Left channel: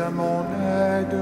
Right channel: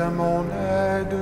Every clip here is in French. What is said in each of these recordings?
à mon aide.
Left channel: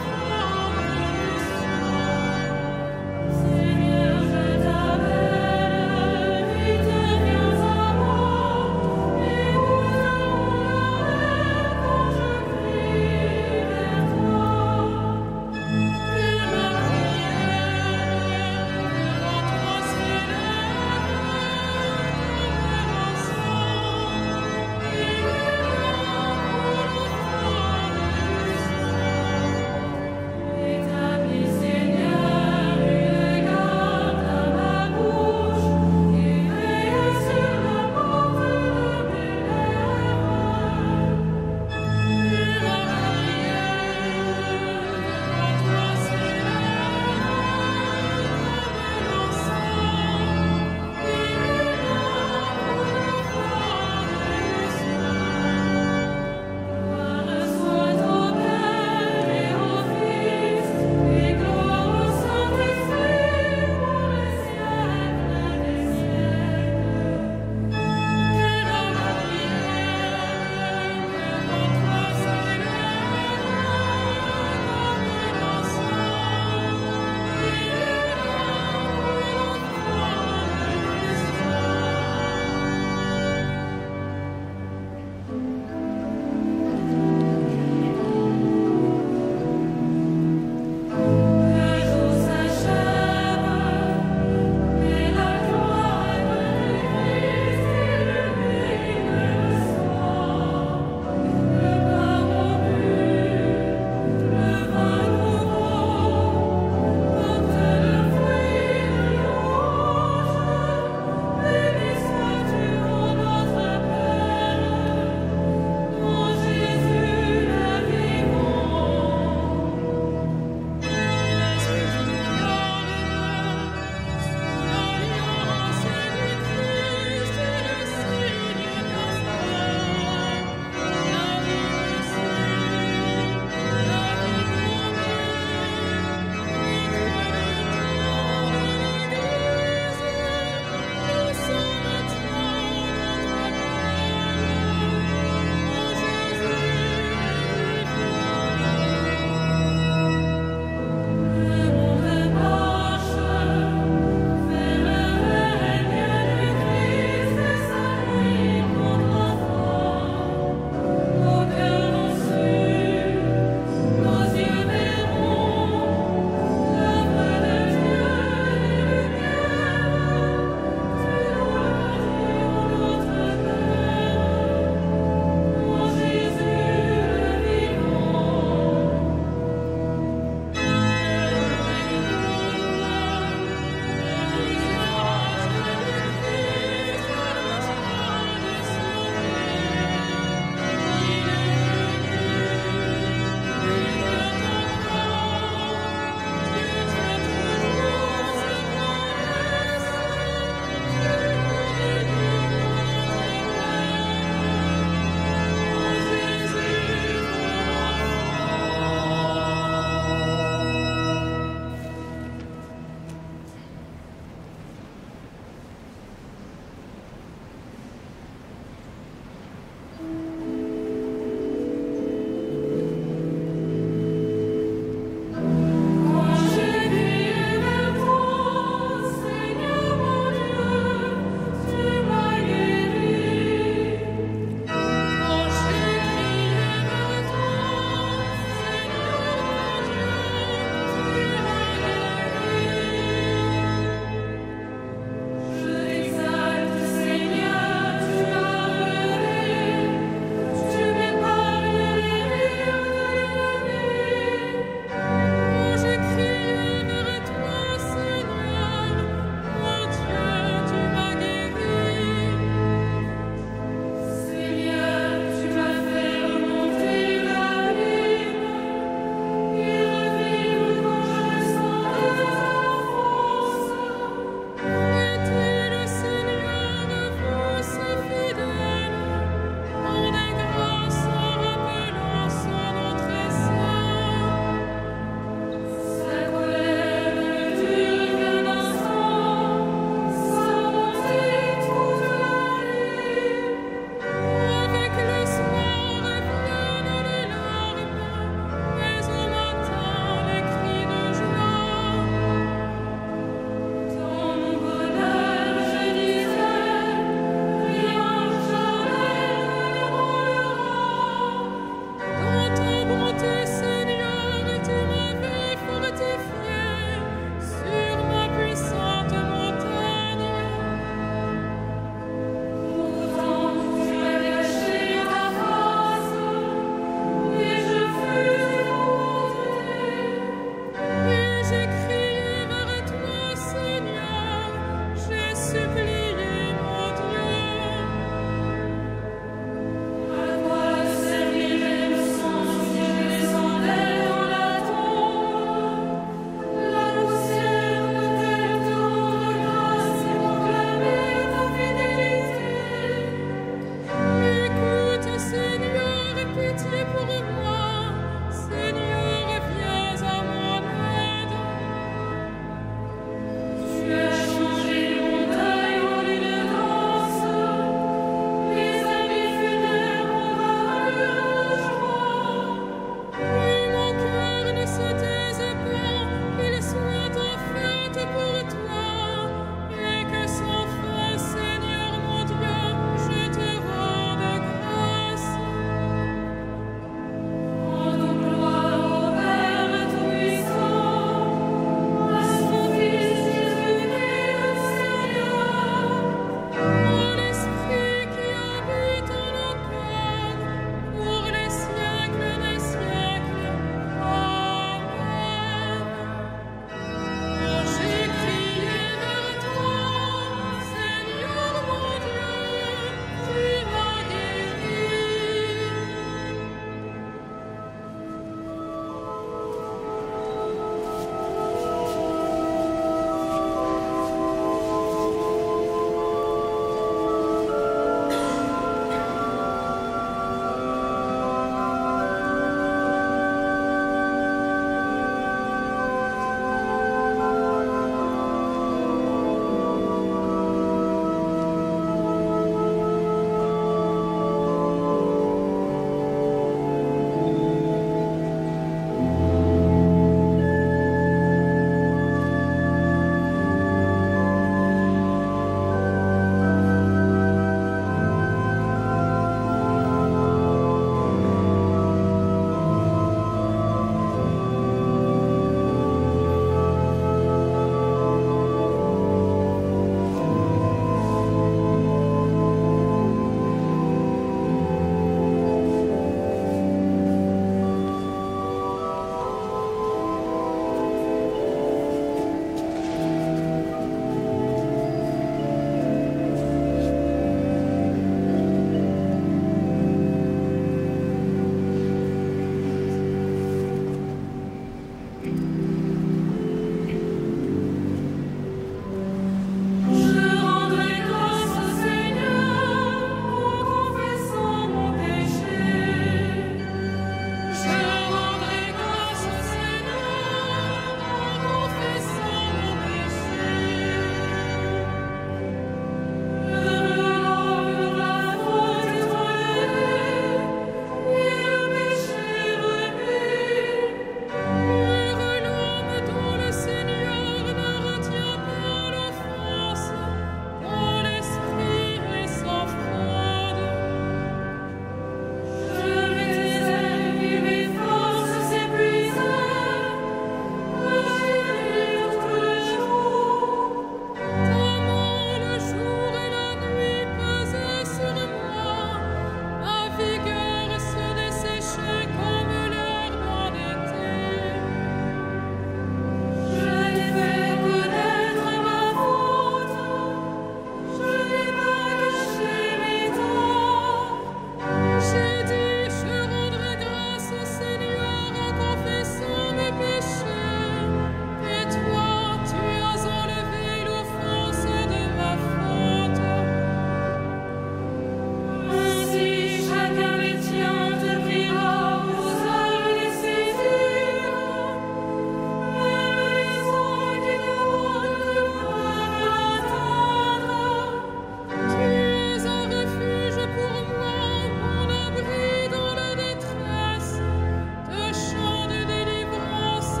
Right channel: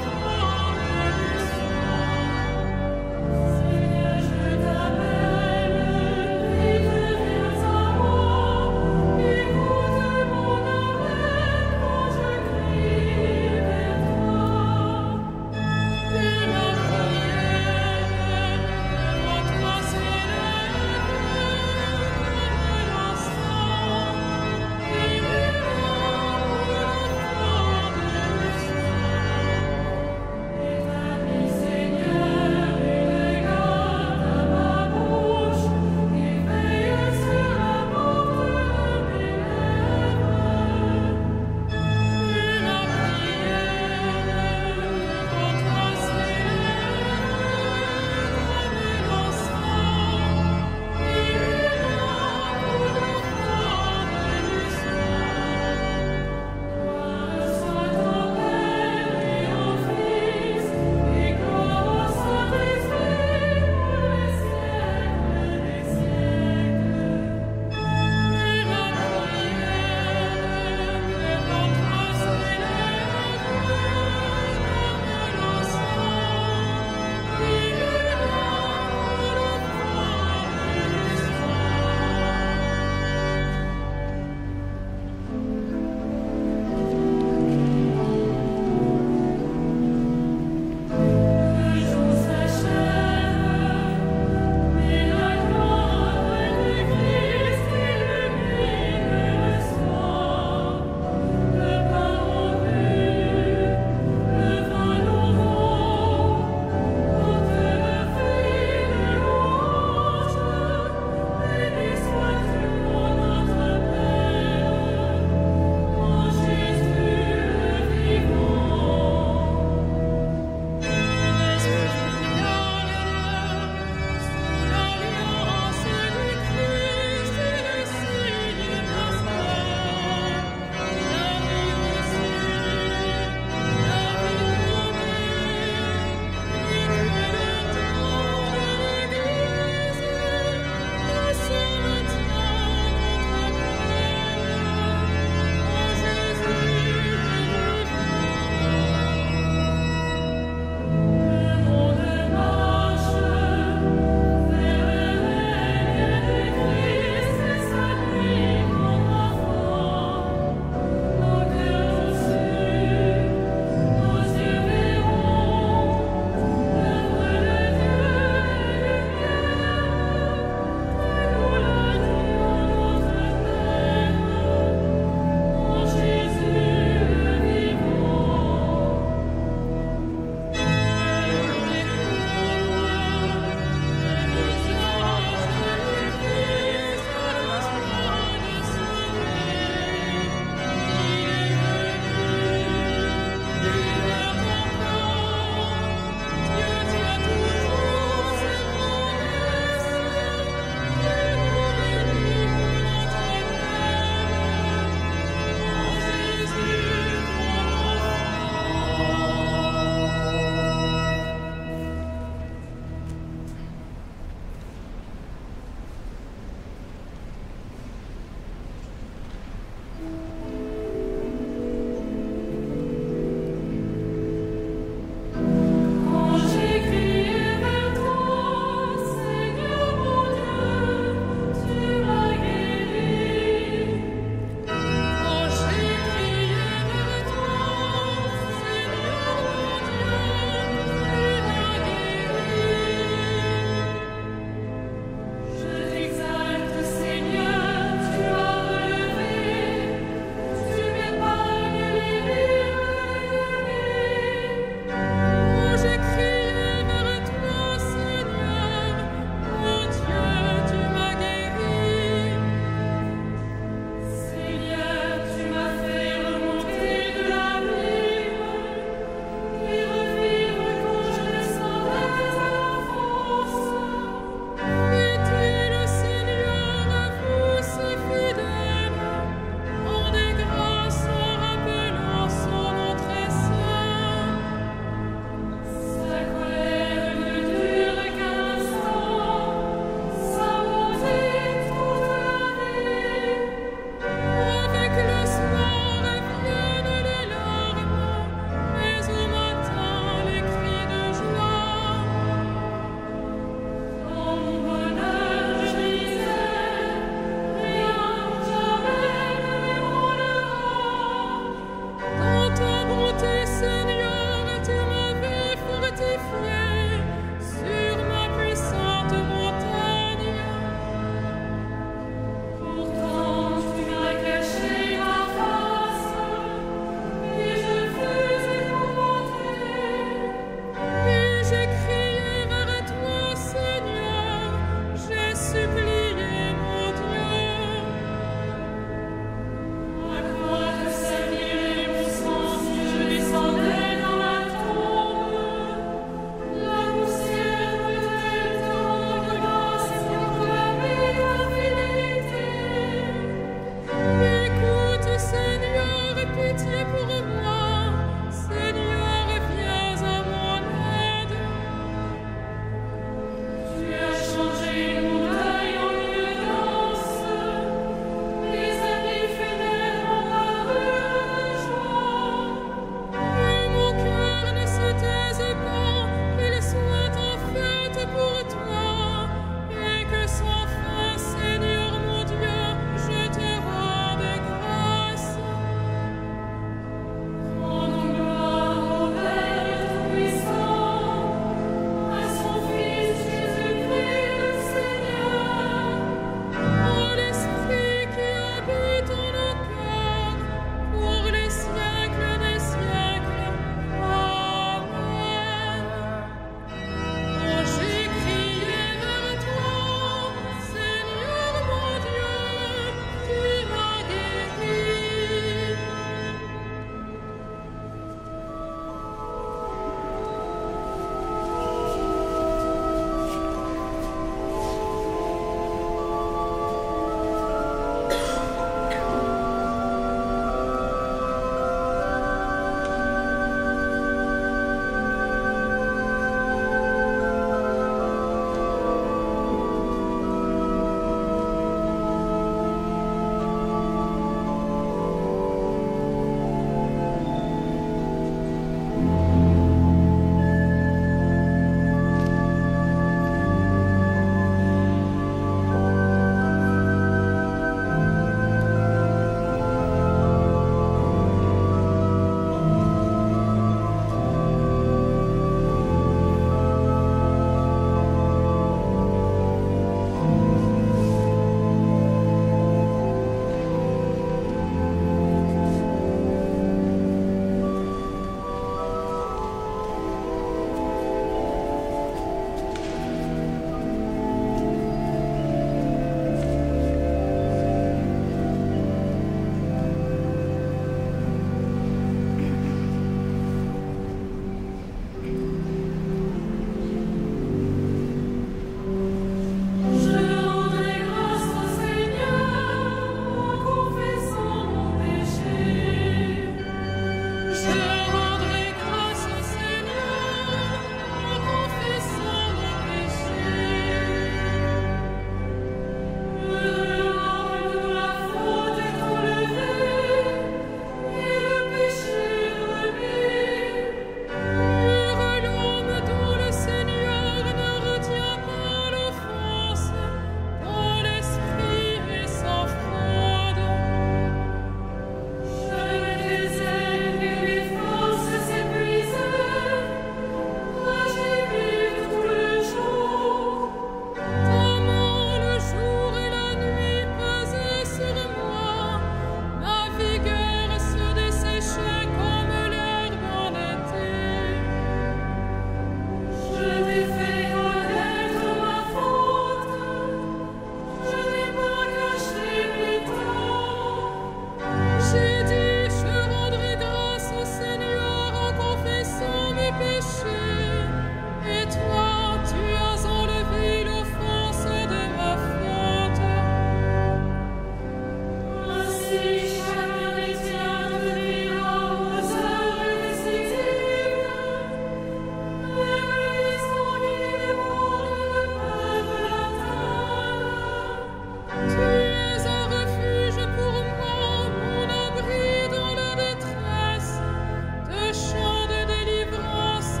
chant de délivrance.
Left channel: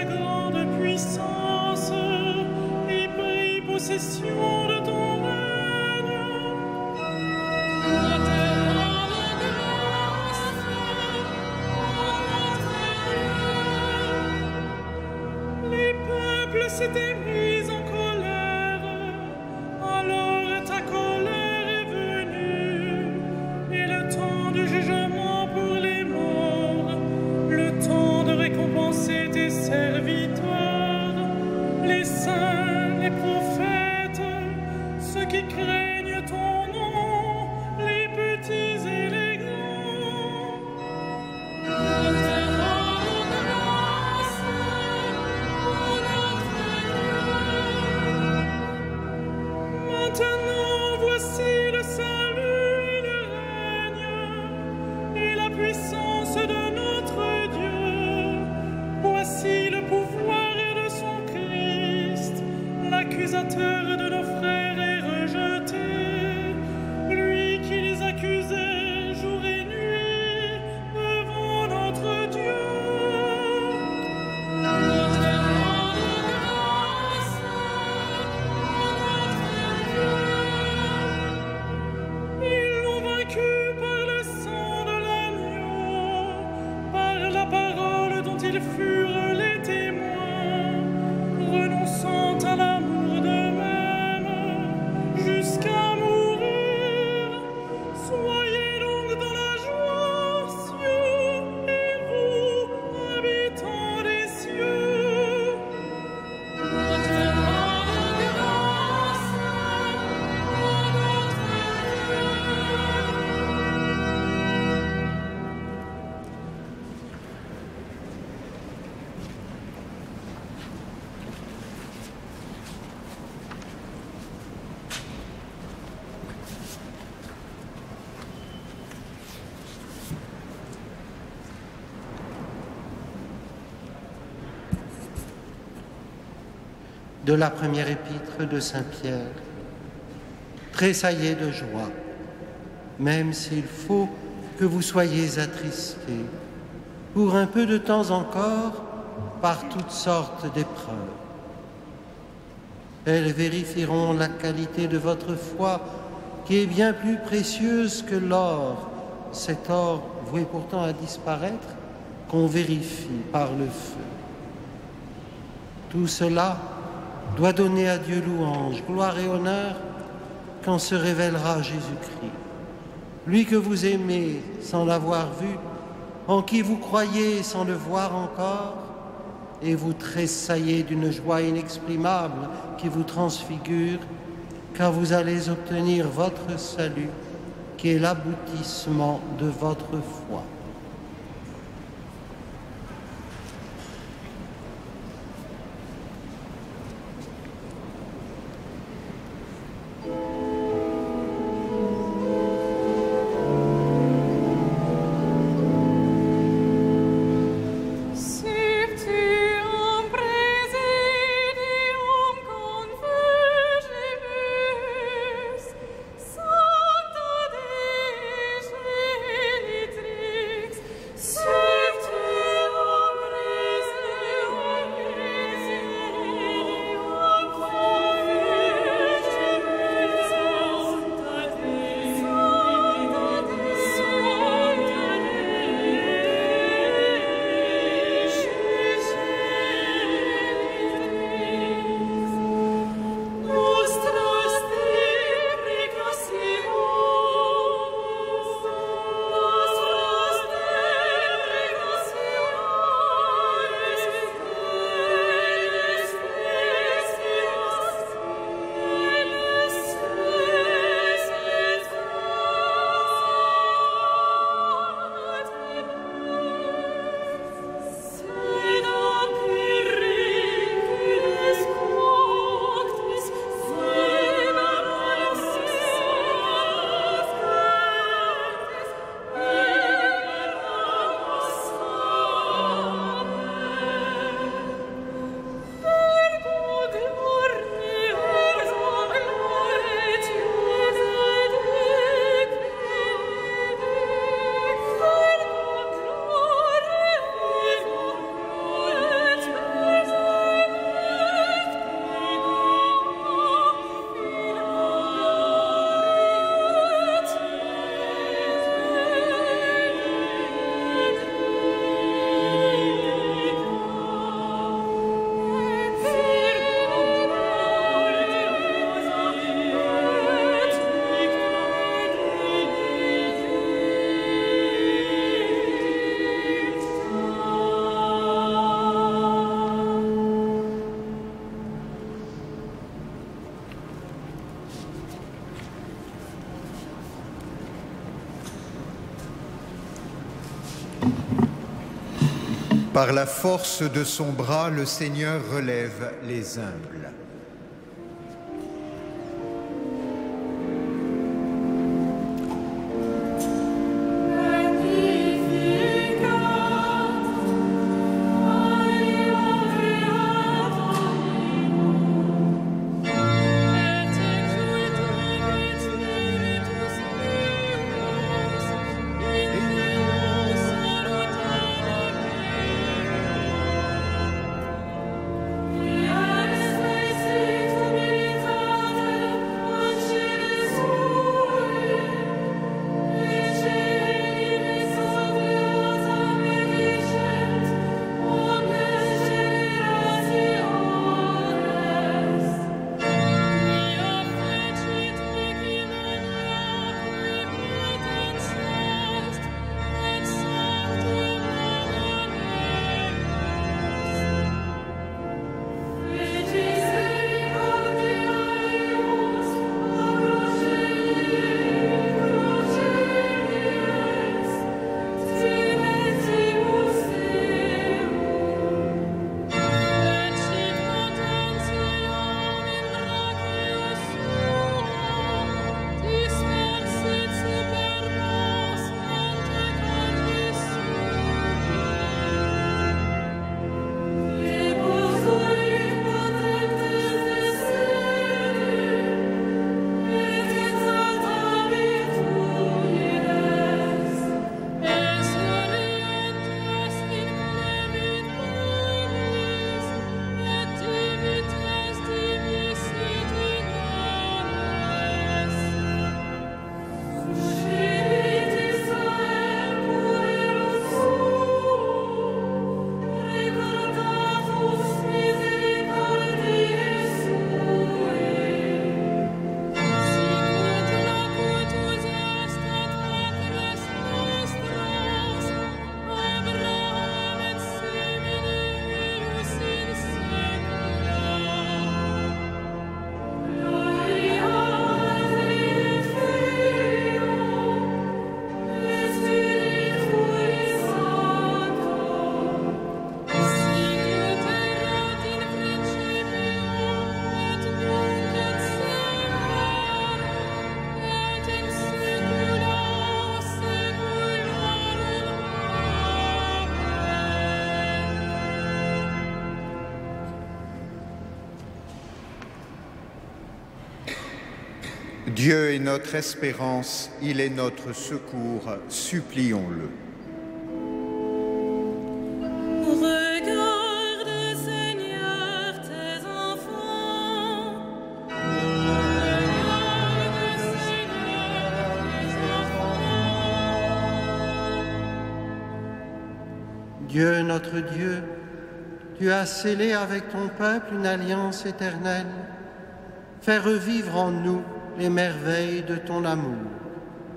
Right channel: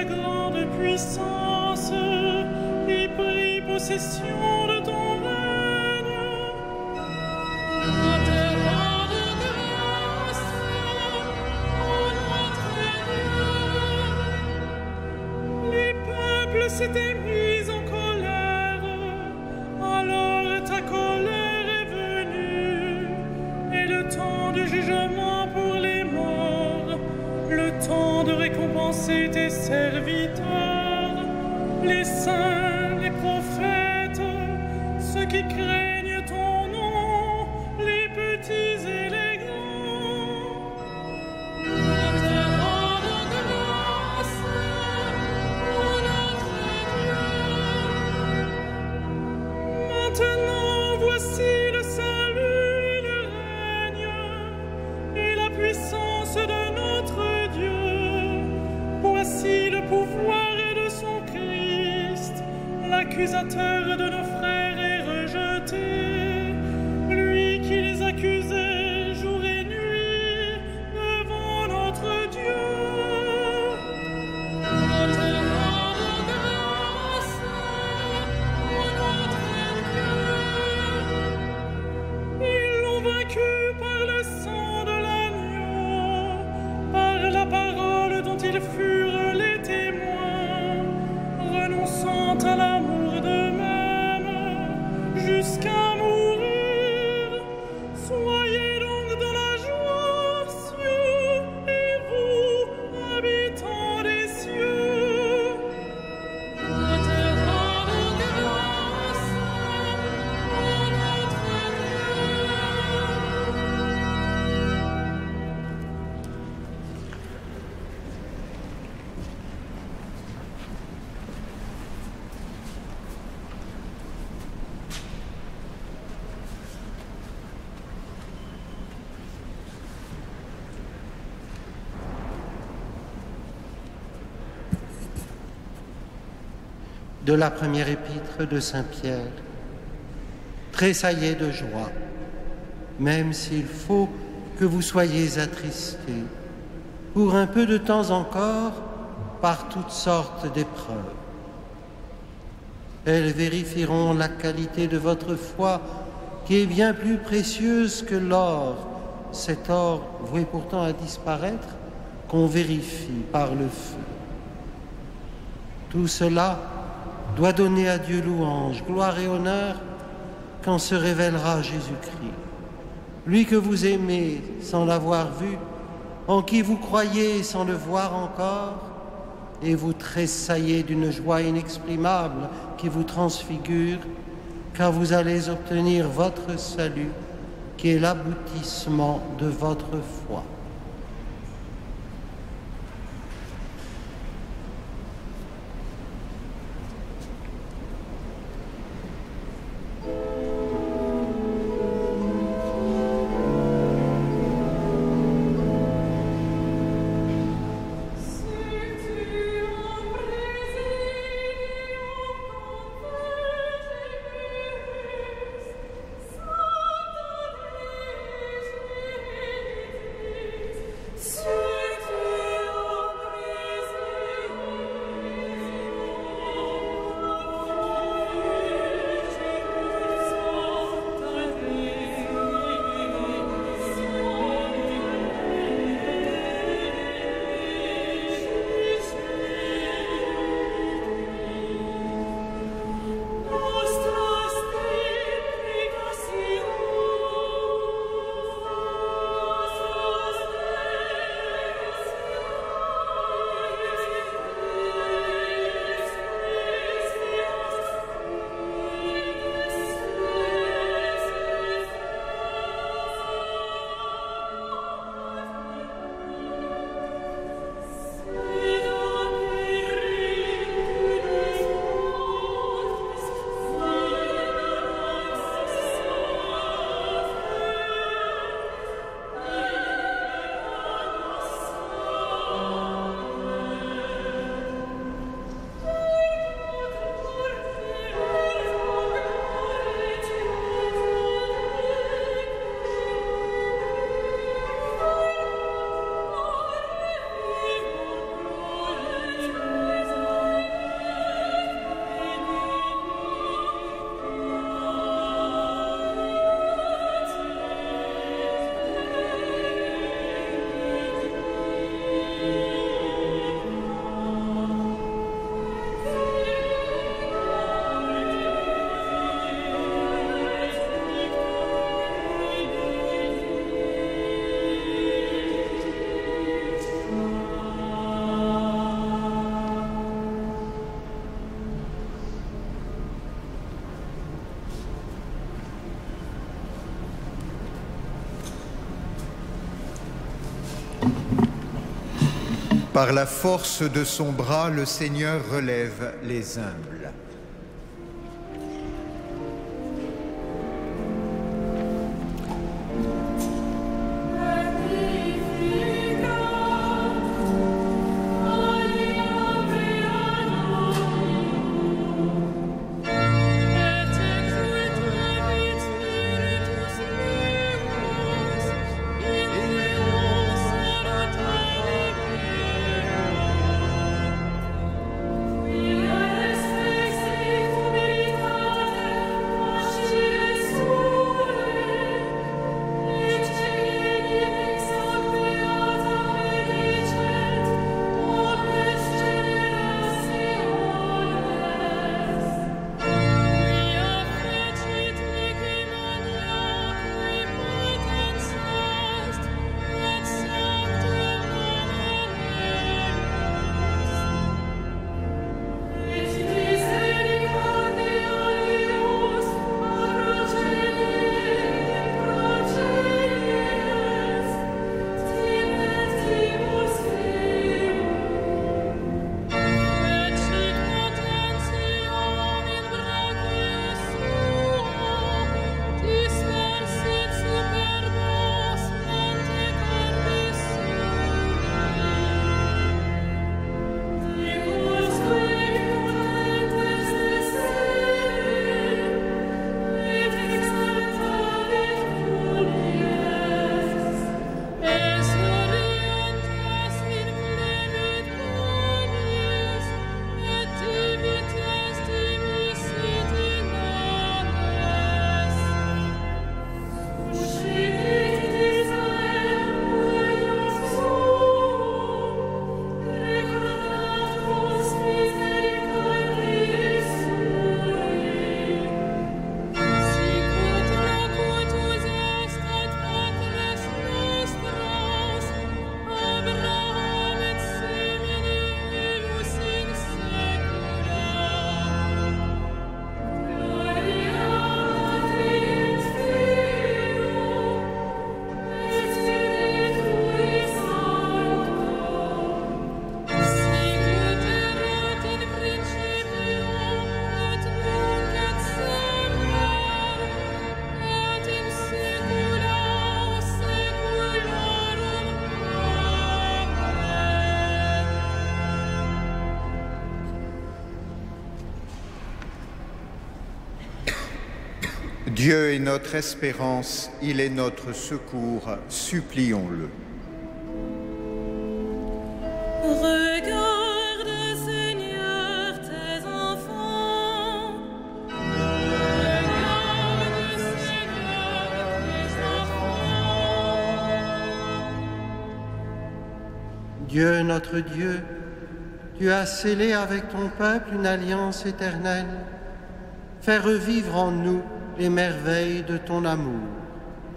ta grande puissance et pris possession de ton règne. Nous te rendons grâce, ô notre Dieu. Les peuples s'étaient mis en colère, alors ta colère est venue, et le temps du jugement pour les morts, le temps de récompenser tes serviteurs, les saints, les prophètes, ceux qui craignent ton nom, les petits et les grands. Nous te rendons grâce, ô notre Dieu. Maintenant, voici le salut et le règne et la puissance de notre Dieu. Voici le pouvoir de son Christ. L'accusateur de nos frères est rejeté, lui qui les accusait jour et nuit devant notre Dieu. Nous te rendons grâce, ô notre Dieu. Ils l'ont vaincu par le sang de l'agneau, par la parole dont ils furent les témoins, renonçant à l'amour d'eux-mêmes jusqu'à mourir. Soyez donc dans la joie, cieux, et vous, habitants des cieux. Nous te rendons grâce, ô notre De la première épître de Saint Pierre. Tressaillez de joie, même s'il faut que vous soyez attristés, pour un peu de temps encore, par toutes sortes d'épreuves. Elles vérifieront la qualité de votre foi, qui est bien plus précieuse que l'or, cet or voué pourtant à disparaître, qu'on vérifie par le feu. Tout cela doit donner à Dieu louange, gloire et honneur quand se révélera Jésus-Christ. Lui que vous aimez sans l'avoir vu, en qui vous croyez sans le voir encore, et vous tressaillez d'une joie inexprimable qui vous transfigure, car vous allez obtenir votre salut, qui est l'aboutissement de votre foi. Par la force de son bras, le Seigneur relève les humbles. Dieu est notre espérance, il est notre secours, supplions-le. Regarde, Seigneur, tes enfants. Regarde, Seigneur, tes enfants. Dieu, notre Dieu, tu as scellé avec ton peuple une alliance éternelle. Fais revivre en nous les merveilles de ton amour.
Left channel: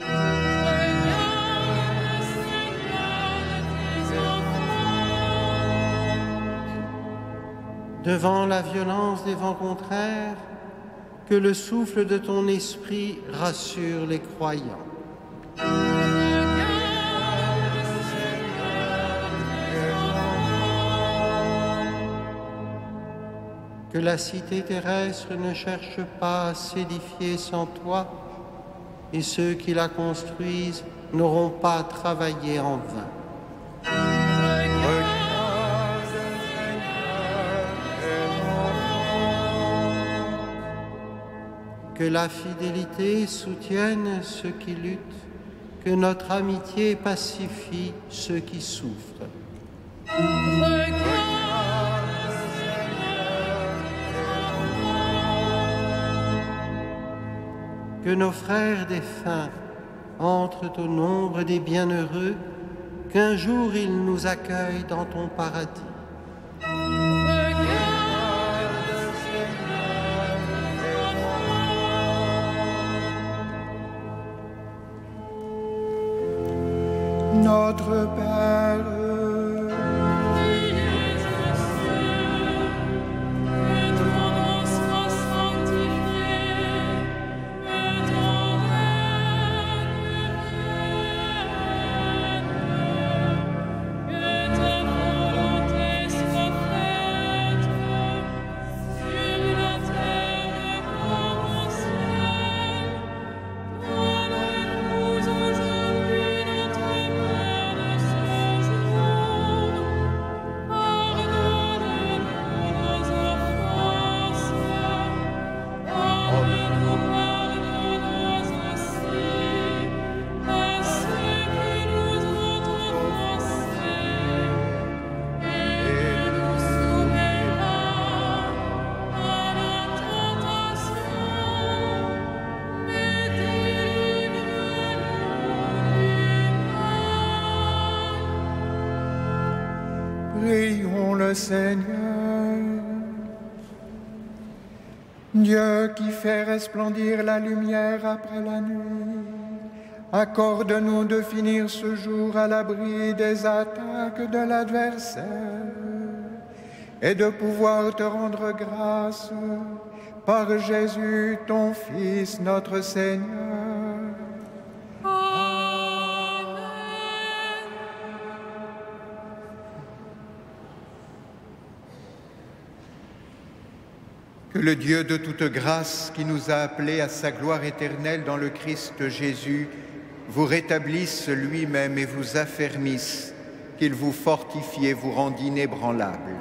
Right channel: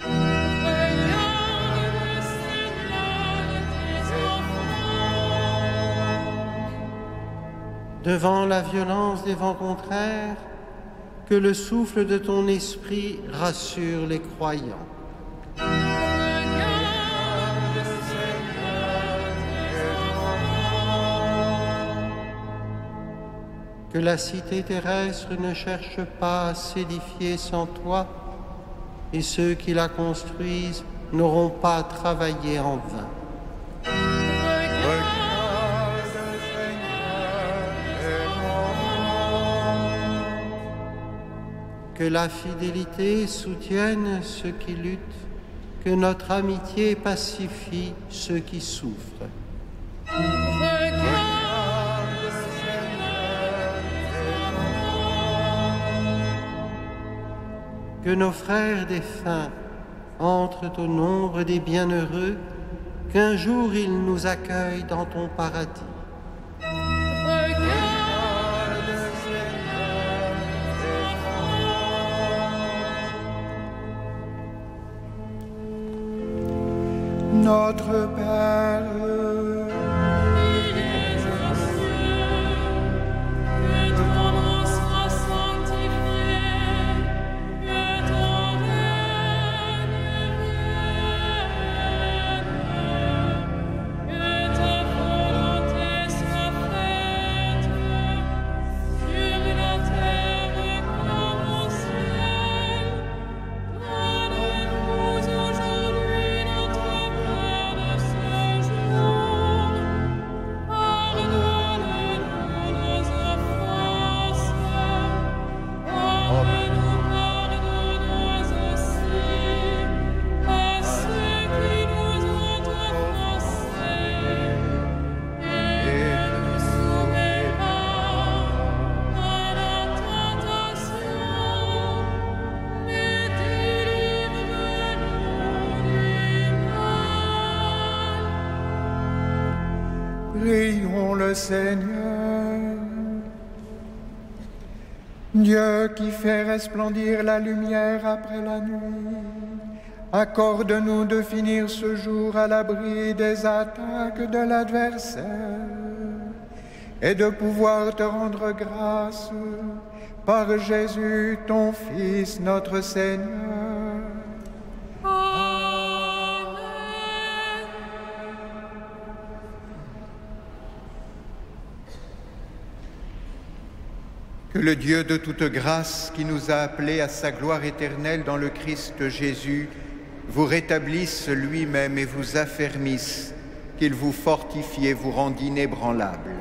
Regarde, Seigneur, tes enfants. Devant la violence des vents contraires, que le souffle de ton esprit rassure les croyants. Regarde, Seigneur, tes enfants. Que la cité terrestre ne cherche pas à s'édifier sans toi, et ceux qui la construisent n'auront pas à travailler en vain. Regarde, Seigneur, tes enfants. Que la fidélité soutienne ceux qui luttent, que notre amitié pacifie ceux qui souffrent. Regarde, Que nos frères défunts entrent au nombre des bienheureux, qu'un jour ils nous accueillent dans ton paradis. regarde, Seigneur, tes enfants. Notre Père, qui es aux cieux, que ton nom soit sanctifié, que ton règne vienne, que ta volonté Prions le Seigneur. Dieu qui fait resplendir la lumière après la nuit, accorde-nous de finir ce jour à l'abri des attaques de l'adversaire et de pouvoir te rendre grâce par Jésus, ton Fils, notre Seigneur. Amen. Que le Dieu de toute grâce, qui nous a appelés à sa gloire éternelle dans le Christ Jésus, vous rétablisse lui-même et vous affermisse, qu'il vous fortifie et vous rende inébranlable.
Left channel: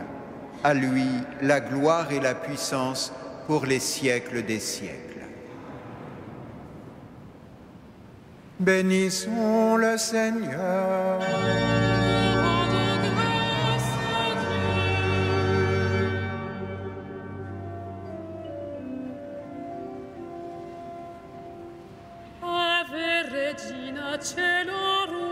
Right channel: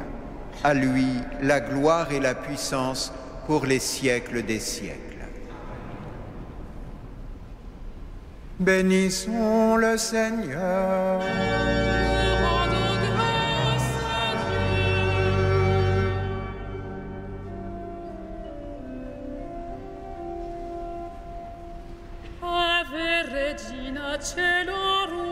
À lui, la gloire et la puissance pour les siècles des siècles. Bénissons le Seigneur. Nous rendons grâce à Dieu. Ave Regina Celorum,